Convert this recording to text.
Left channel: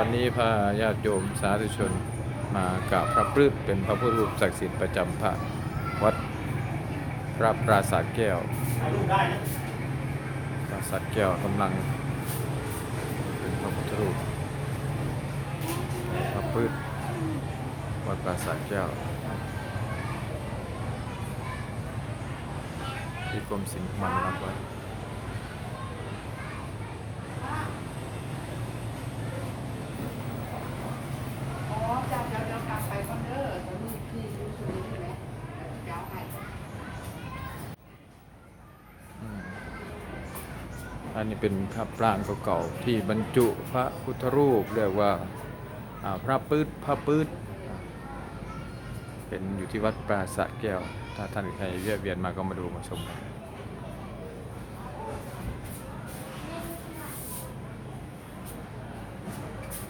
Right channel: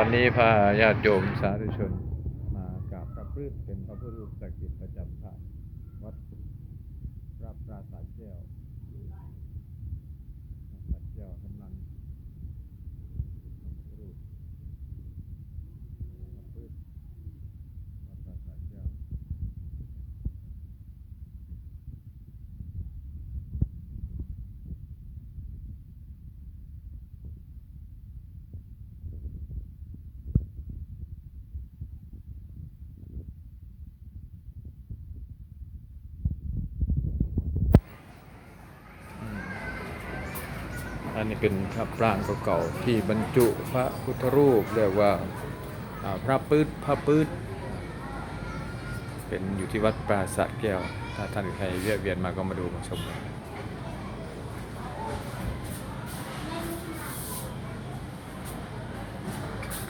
วันนี้พาญาติโยมสาธุชนมากราบพระพฤกษ์เป็นพระพุทธรูปศักดิ์สิทธิ์ประจำพระวัดพระปราสาทแก้วปราสาทแก้วกำลังเป็นพระพุทธรูปพระพฤกษ์วัดปราสาทแก้วที่กรมศิลป์มันรับไว้ อ๋อเจ้าเจ้าเจ้ากลับไปก่อนเด้อตอนนี้พี่รู้สึกใช่ไหมเจ้าให้ อืม อันนี้เป็นพระปรางเก่าๆที่บรรจุพระพุทธรูปเรียกว่าพระปื๊ดพระปื๊ดเป็นอยู่ที่วัดปราสาทแก้ว ถ้าท่านใครเวียเวียนมาก็มาดูมาชมกัน